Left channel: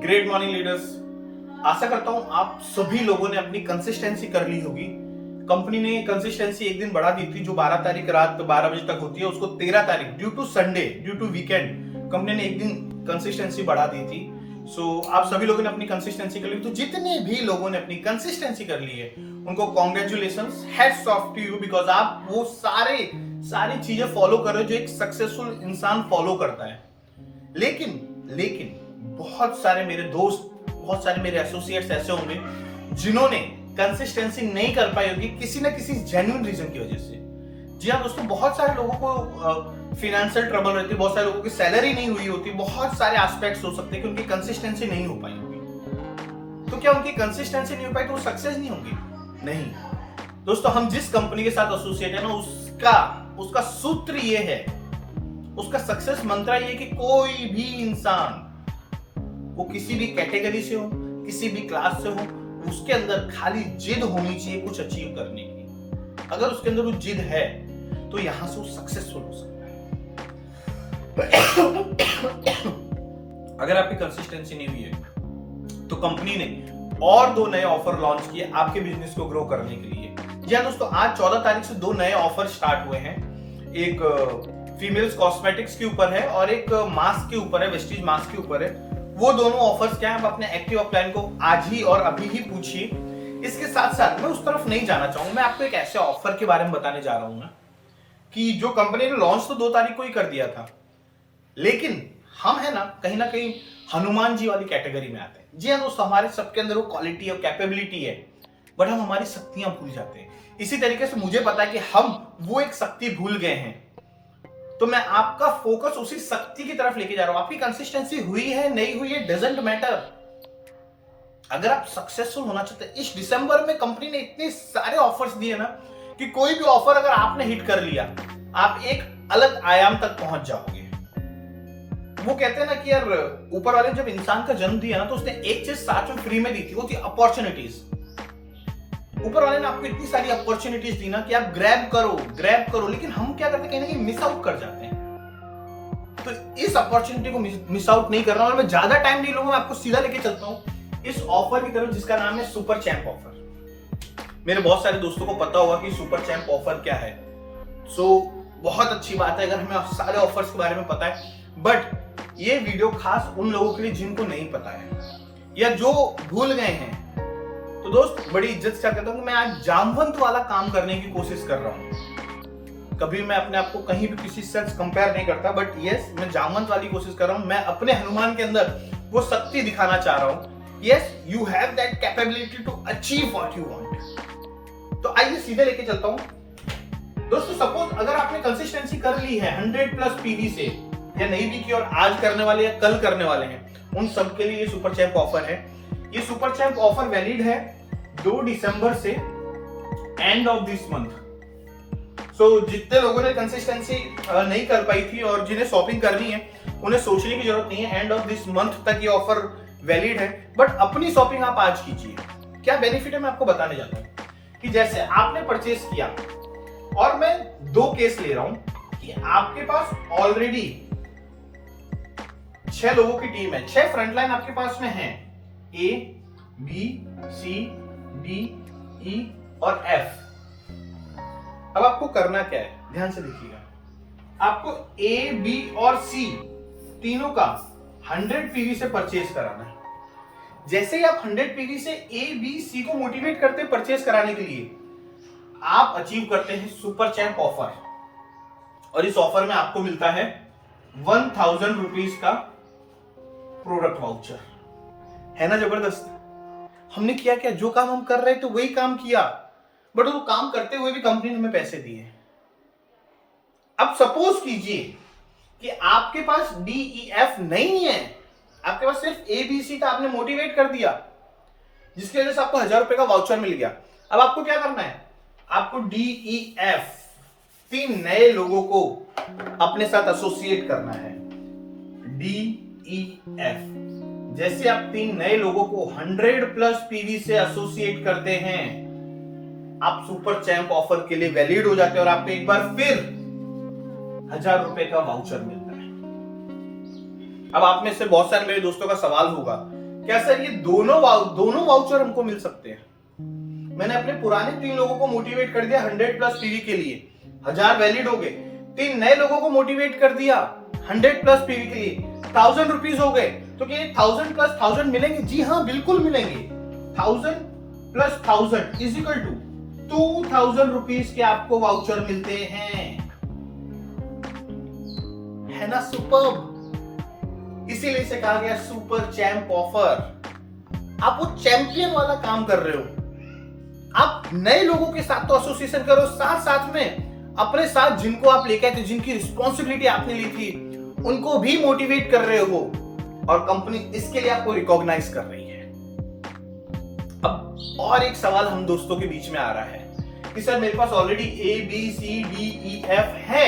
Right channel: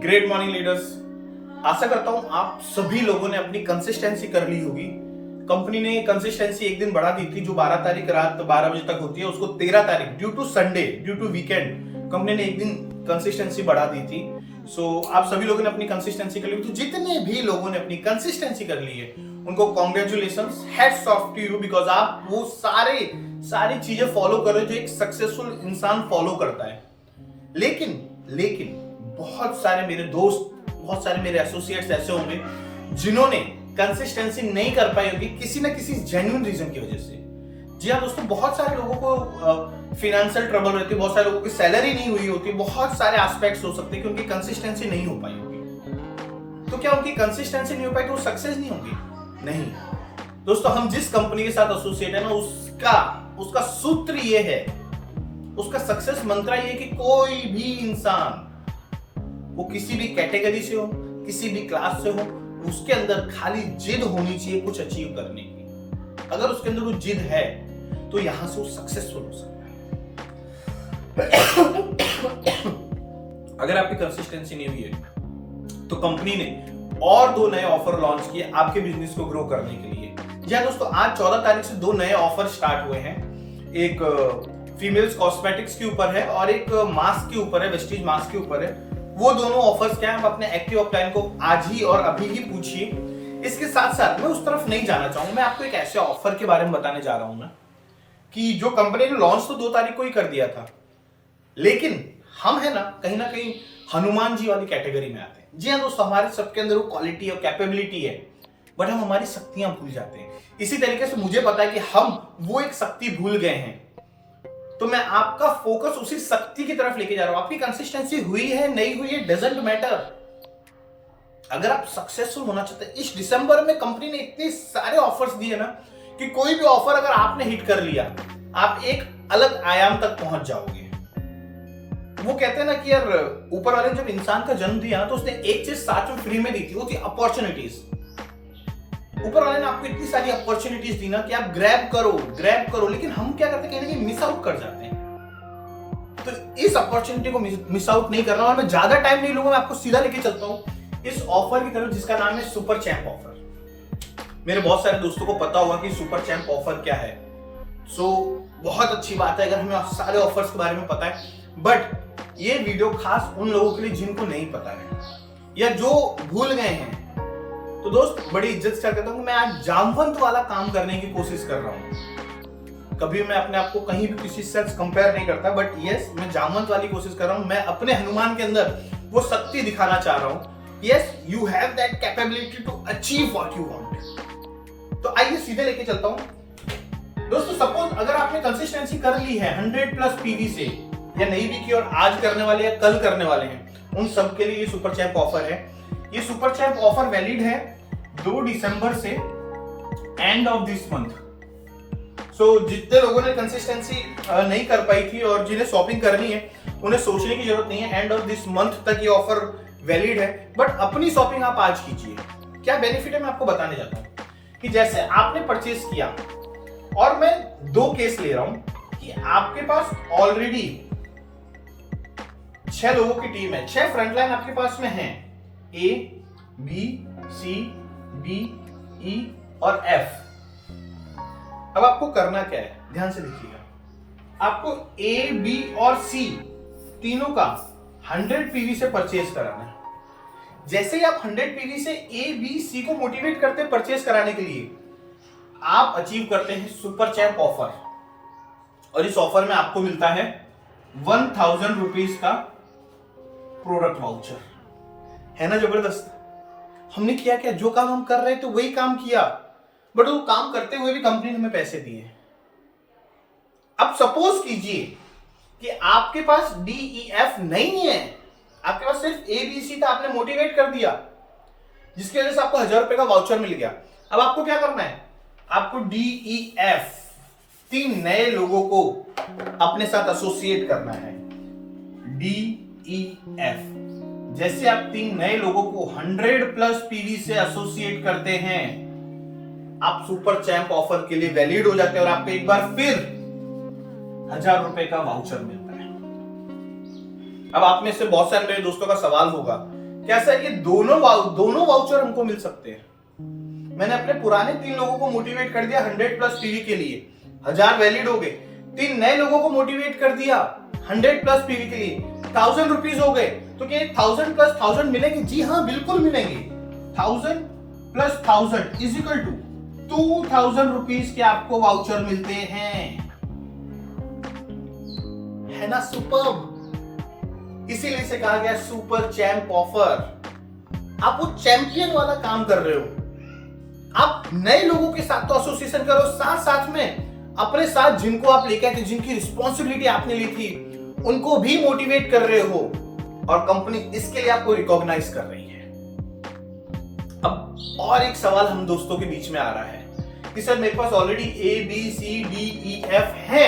Great morning leaders. आशा करता हूं आप सभी लोगों ने अपनी कंसिस्टेंसी कर ली होगी। कंपनी ने कंसिस्टेंसी एक दिन बढ़ा दी थी, जो 12 तारीख रात 12 बजे तक होती है, उसको 13 तारीख due to Sunday, due to weekend company ने एक दिन कंसिस्टेंसी बढ़ा दी थी। आप सभी लोगों ने अपनी कंसिस्टेंसी कर ली। तो जितने भी लोगों ने अपनी कंसिस्टेंसी कर ली है उनको congratulations, hats off to you, because आप वो सारी चीजें फॉलो कर रहे हो जो एक सक्सेसफुल इंसान फॉलो करता है। लेकिन बहुत सारे मेरे दोस्त, बहुत सारे मेरे एसोसिएट्स ऐसे होंगे जिन्होंने कंसिस्टेंसी नहीं कर पाई होगी किसी ना किसी जेन्युइन रीजन की वजह से। जी हाँ दोस्तों, बहुत सारे लोगों को फिनेंशियल ट्रबल रहती है, बहुत सारे लोगों की सैलरी नहीं हुई होती, बहुत सारे एस्पेक्ट्स हो सकते हैं कि उनकी कंसिस्टेंसी नहीं हो पाई होगी। तो क्या उनकी कंसिस्टेंसी नहीं हो पाई तो वो सक्सेस नहीं होगी? नहीं दोस्तों, हम जिस कंपनी के साथ एसोसिएट है ना, उसका सूत्र ये है, उसका सक्सेस मंत्र ये है कि कोई भी इंसान, वो किसी भी कैटेगरी से हो, किसी भी क्लास से हो, उसके अंदर खाली जिद होनी चाहिए कुछ अचीव करने की। अगर उसके अंदर वो जिद है तो यहां से वो सक्सेसफुल हो सकता है। अगर आपकी कंसिस्टेंसी नहीं हुई है तो कंपनी ने और 2 नए ऑफर लॉन्च किए आपके बिजनेस को ग्रो करने के लिए। जी हाँ दोस्तों, आज 14 तारीख से 2 नए ऑफर स्टार्ट हुए हैं। एक फीमेल्स कॉस्मेटिक्स के ऊपर है और एक मास्क के ऊपर है, वेस्टीज मास्क के ऊपर है। वो दोनों ऑफर्स क्या है, आप अपने एक्टिव अपलाइन को आज ही और अभी ही पूछिए। इसके साथ साथ मैं उस तरफ नहीं जाना चाहूंगा, मैं आपको एक ऐसे ऑफर के बारे में बताने जा रहा हूं ना, कि जो कंपनी ने लॉन्च तो 2 तारीख को ही कर दिया था, लेकिन हम है ना कहीं हनुमान जी वाली कैटेगरी में आते हैं। जी हाँ दोस्तों, हमारे सबके अंदर वो क्वालिटी और कैपेबिलिटी है, बट हम हमारी शक्तियां भूल जाते हैं। इसी तरीके से मुझे पता है कि हम वो एक शक्ति भूल गए हैं, तो मैं आपका फोकस उसी शक्ति की तरफ लेके जा रहा हूं। आपकी कंसिस्टेंसी हुई है नहीं हुई है डजंट मैटर। अगर आप सक्सेसफुल होना चाहते हैं, इस दिसंबर में कंपनी ने इतने सारे ऑफर्स दिए ना कि कोई भी ऑफर अगर आपने हिट कर लिया, आप एक अलग आयाम तक पहुंच जाओगे। वो कहते हैं ना कि यार, ऊपर वाले ने जब इंसान का जन्म दिया ना, तो उसने एक चीज साथ में फ्री में दी थी, वो थी अपॉर्चुनिटीज। ऊपर वाले ने आपको इतनी सारी अपॉर्चुनिटीज दी ना कि आप ग्रैब करो, लेकिन हम क्या करते हैं, कहीं ना कहीं मिस आउट कर जाते हैं। तो इस अपॉर्चुनिटी को मिस आउट नहीं कर रहा हूं, मैं ज्यादा टाइम नहीं लूंगा, मैं आपको सीधा लेके चलता हूं इस ऑफर की तरफ, जिसका नाम है सुपर चैंप ऑफर। मेरे बहुत सारे दोस्तों को पता होगा कि सुपर चैंप ऑफर क्या है। बहुत अच्छी बात है अगर हमें सारे ऑफर्स के बारे में पता है, बट ये वीडियो खास उन लोगों के लिए जिनको नहीं पता है या जो भूल गए हैं। तो दोस्त, बड़ी इज्जत से कहता हूं कि मैं आज जामवंत वाला काम करने की कोशिश कर रहा हूं। कभी मैं अपने आप को कहीं भी किसी से कंपेयर नहीं करता, बट यस, मैं जामवंत वाली कोशिश कर रहा हूं। मैं अपने हनुमान के अंदर वो शक्ति दिखाना चाह रहा हूं। Yes, you have that capability to achieve what you want. तो आइए सीधे लेके चलता हूं दोस्तों। सपोज अगर आपने कंसिस्टेंसी कर ली है 100+ पीवी से, या नहीं भी की और आज करने वाले या कल करने वाले हैं, उन सबके लिए ये सुपर चैंप ऑफर है। ये सुपर चैंप ऑफर वैलिड है 2 दिसंबर से एंड ऑफ दिस मंथ। जितने लोगों ने कंसिस्टेंसी नहीं कर पाई थी और जिन्हें शॉपिंग करनी है, उन्हें सोचने की जरूरत नहीं है। एंड ऑफ दिस मंथ तक ये ऑफर वैलिड है, बट अपनी शॉपिंग आप आज कीजिए। क्या बेनिफिट है मैं आपको बताने जाता हूं कि जैसे आपने परचेस किया, और मैं 2 केस ले रहा हूं कि आपके पास ऑलरेडी 6 लोगों की टीम है, 6 फ्रंटलाइन आपके पास में है, A, B, C, D, E और F। अब आपको करना क्या है, ध्यान से देखिएगा। आपको A, B और C तीनों का 100 पीवी से परचेज कराना है। जैसे ही आप 100 पीवी से A, B, C को मोटिवेट करते हैं परचेज कराने के लिए, आप अचीव करते हैं सुपर चैंप ऑफर। और इस ऑफर में आपको मिलता है 1000 रुपीज का प्रोडक्ट वाउचर। है ना जबरदस्त? हमने किया क्या, जो काम हम कर रहे थे वही काम किया, बट वो काम करते हुए भी कंपनी ने हमें पैसे दिए। अब सपोज कीजिए कि आपके पास DEF नहीं है, आपके पास सिर्फ ABC था, आपने मोटिवेट कर दिया, जिसकी वजह से आपको 1000 रुपए का वाउचर मिल गया। अब आपको क्या करना है, आपको DEF 3 नए लोगों को अपने साथ एसोसिएट करना है। DEF, जैसे आप 3 नए लोगों को 100+ पीवी से एसोसिएट करते हैं, आप सुपर चैंप ऑफर के लिए वैलिड हो जाते हैं और आपको एक बार फिर 1000 रुपए का वाउचर मिलता है। अब आप में से बहुत सारे मेरे दोस्तों का सवाल होगा क्या सर ये दोनों वाउचर हमको मिल सकते हैं? मैंने अपने पुराने 3 लोगों को मोटिवेट कर दिया 100+ पीवी के लिए, 1000 वैलिड हो गए। 3 नए लोगों को मोटिवेट कर दिया 100+ पीवी के लिए, 1000 रुपीज हो गए। तो क्या 1000 + 1000 मिलेंगे? जी हाँ, बिल्कुल मिलेंगे। 1000 + 1000 इज इक्वल टू 2000 रुपीज के आपको वाउचर मिलते हैं, है ना? सुपर्ब। इसीलिए इसे कहा गया सुपर चैंप ऑफर। आप वो चैंपियन वाला काम कर रहे हो। आप नए लोगों के साथ तो एसोसिएशन करो, साथ साथ में अपने साथ जिनको आप लेकर थे, जिनकी रिस्पॉन्सिबिलिटी आपने ली थी, उनको भी मोटिवेट कर रहे हो, और कंपनी इसके लिए आपको रिकॉग्नाइज कर रही है। अब और एक सवाल हम दोस्तों के बीच में आ रहा है कि सर मेरे पास ऑलरेडी ABCDEF है,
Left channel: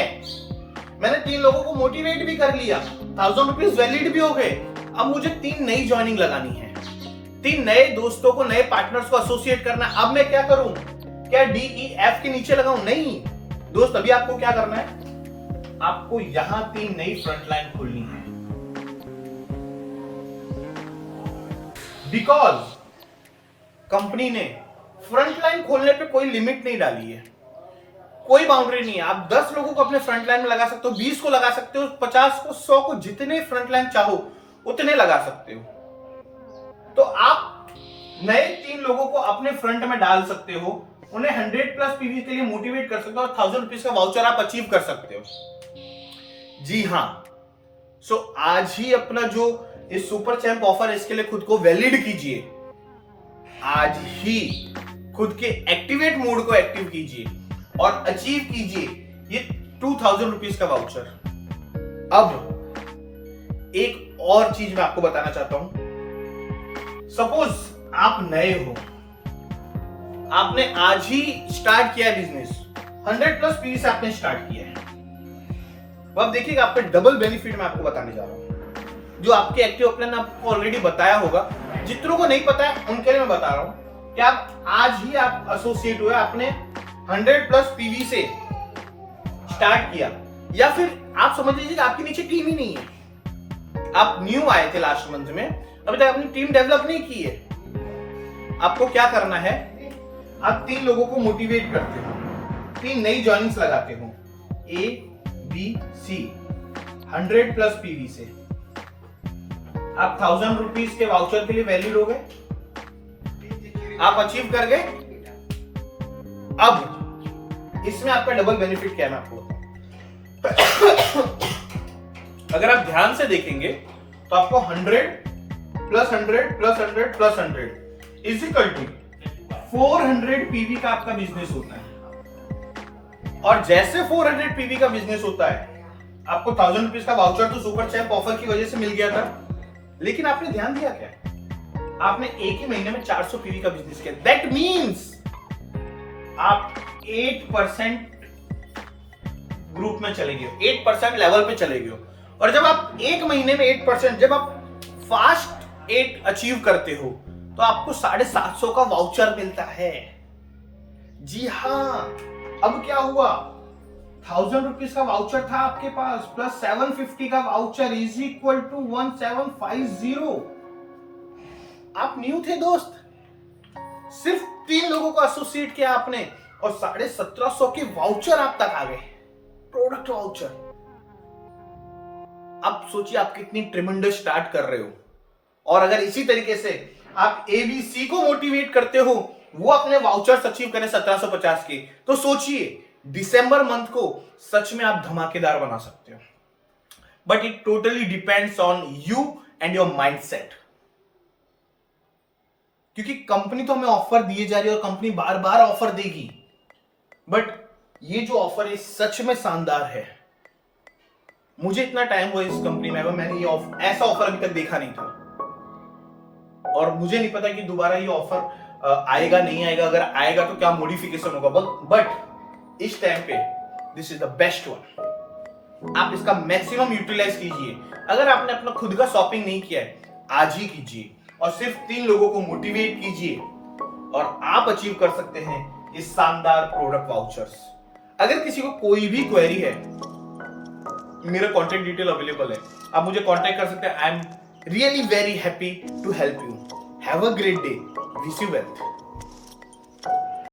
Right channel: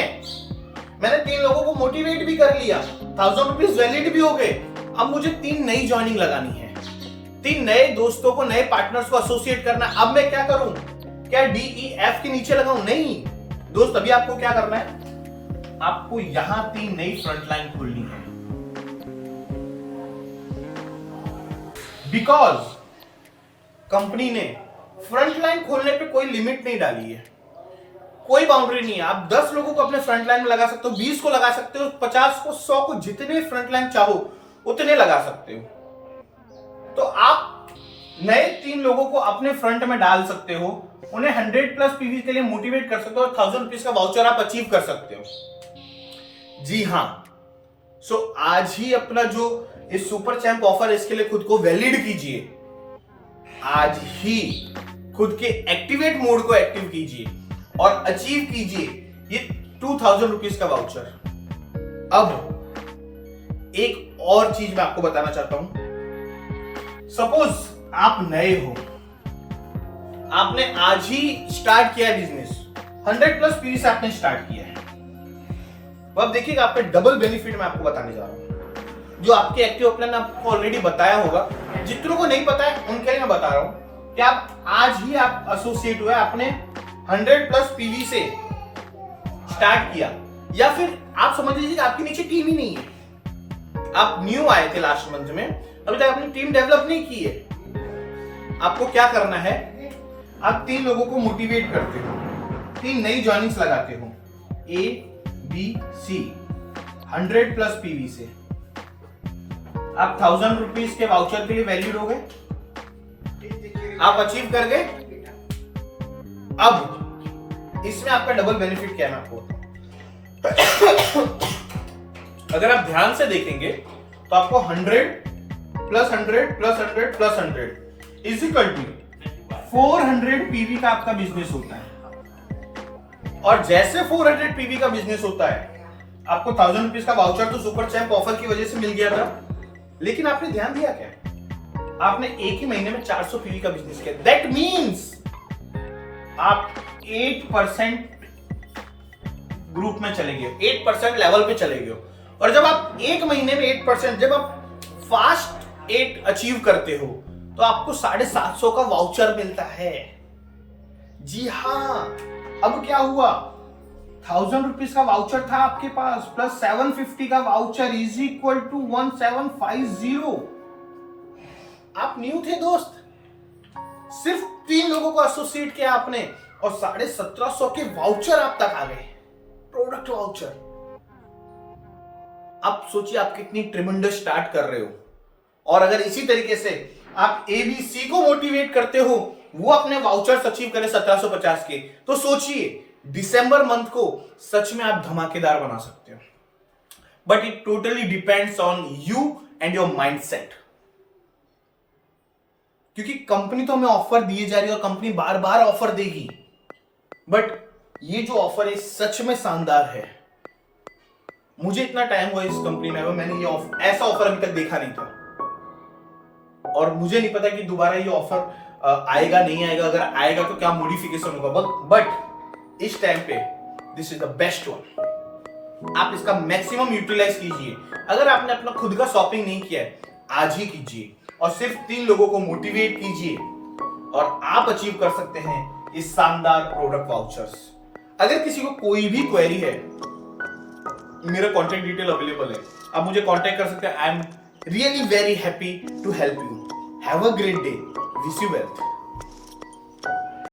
मैंने 3 लोगों को मोटिवेट भी कर लिया, 1000 रुपीज वैलिड भी हो गए, अब मुझे 3 नई ज्वाइनिंग लगानी है, 3 नए दोस्तों को, नए पार्टनर्स को एसोसिएट करना है। अब मैं क्या करूं? क्या DEF के नीचे लगाऊं? नहीं दोस्त, अभी आपको क्या करना है? आपको यहां 3 नई फ्रंटलाइन खोलनी है, बिकॉज कंपनी ने फ्रंटलाइन खोलने पे कोई लिमिट नहीं डाली है, कोई बाउंड्री नहीं है। आप 10 लोगों को अपने फ्रंटलाइन में लगा सकते हो, 20 को लगा सकते हो, 50 को, 100 को, जितने फ्रंटलाइन चाहो उतने लगा सकते हो। तो आप नए 3 लोगों को अपने फ्रंट में डाल सकते हो, उन्हें 100+ पीवी के लिए मोटिवेट कर सकते हो, और 1000 रुपीज का वाउचर आप अचीव कर सकते हो। जी हां, सो आज ही अपना जो इस सुपर चैंप ऑफर है, इसके लिए खुद को वैलिड कीजिए। आज ही खुद के एक्टिवेट मोड को एक्टिव कीजिए और अचीव कीजिए ये 2000 रुपीज का वाउचर। अब एक और चीज मैं आपको बताना चाहता हूं। सपोज आप नए हो, आपने आज ही स्टार्ट किया बिजनेस, 100+ पीवी से आपने स्टार्ट किया है। अब देखिएगा आपका डबल बेनिफिट मैं आपको बताने जा रहा हूं, जो आपके एक्टिव प्लान आपको ऑलरेडी बताया होगा। जितनों को नहीं पता है उनके लिए मैं बता रहा हूं कि आप आज ही आप एसोसिएट हुए, आपने 100+ पीवी से स्टार्ट किया, या फिर आप समझ लीजिए आपके नीचे टीम ही नहीं है, आप न्यू आए थे लास्ट मंथ में, अभी तक अपनी टीम डेवलप नहीं की है। आपको क्या करना है? आप 3 लोगों को मोटिवेट करते हो, 3 नई ज्वाइनिंग्स लगाते हो, ABC 100+ पीवी से। आप 1000 रुपीज के वाउचर के लिए वैलिड हो गए, आप अचीव कर गए। अब इसमें आपका डबल बेनिफिट क्या है मैं आपको बताऊं। अगर आप ध्यान से देखेंगे तो आपको 100 + 100 + 100 + 100 इज इक्वल टू 400 पीवी का आपका बिजनेस होता है। और जैसे 400 पीवी का बिजनेस होता है, आपको 1000 रुपीज का वाउचर तो सुपर चैंप ऑफर की वजह से मिल गया था, लेकिन आपने ध्यान दिया क्या? आपने एक ही महीने में 400 पीवी का बिजनेस किया। दैट मीन्स आप 8% ग्रुप में चले गए, 8% लेवल पे चले गए। और जब आप एक महीने में 8%, जब आप फास्ट 8 अचीव करते हो, तो आपको 750 का वाउचर मिलता है। जी हाँ, अब क्या हुआ? 1000 रुपीज का वाउचर था आपके पास, प्लस 750 का वाउचर इज इक्वल टू 1750। आप न्यू थे दोस्त, सिर्फ 3 लोगों को एसोसिएट किया आपने, और 1750 के वाउचर आप तक आ गए, प्रोडक्ट वाउचर। अब सोचिए आप कितनी ट्रेमेंडस स्टार्ट कर रहे हो। और अगर इसी तरीके से आप ABC को मोटिवेट करते हो, वो अपने वाउचर्स अचीव करें 1750 के, तो सोचिए दिसंबर मंथ को सच में आप धमाकेदार बना सकते हो। But it totally depends on you and your mindset. क्योंकि कंपनी तो हमें ऑफर दिए जा रही है और कंपनी बार बार ऑफर देगी, बट ये जो ऑफर है सच में शानदार है। मुझे इतना टाइम हुआ इस कंपनी में, मैंने ये ऐसा ऑफर अभी तक देखा नहीं था, और मुझे नहीं पता कि दोबारा ये ऑफर आएगा नहीं आएगा, अगर आएगा तो क्या मॉडिफिकेशन होगा। बट इस टाइम पे this is the best one. आप इसका मैक्सिमम यूटिलाइज कीजिए। अगर आपने अपना खुद का शॉपिंग नहीं किया है, आज ही कीजिए, और सिर्फ 3 लोगों को मोटिवेट कीजिए, और आप अचीव कर सकते हैं इस शानदार प्रोडक्ट वाउचर्स। अगर किसी को कोई भी क्वेरी है, मेरा कॉन्टेक्ट डिटेल अवेलेबल है, आप मुझे कॉन्टेक्ट कर सकते हैं। I am Really very happy to help you. Have a great day. Wish you wealth.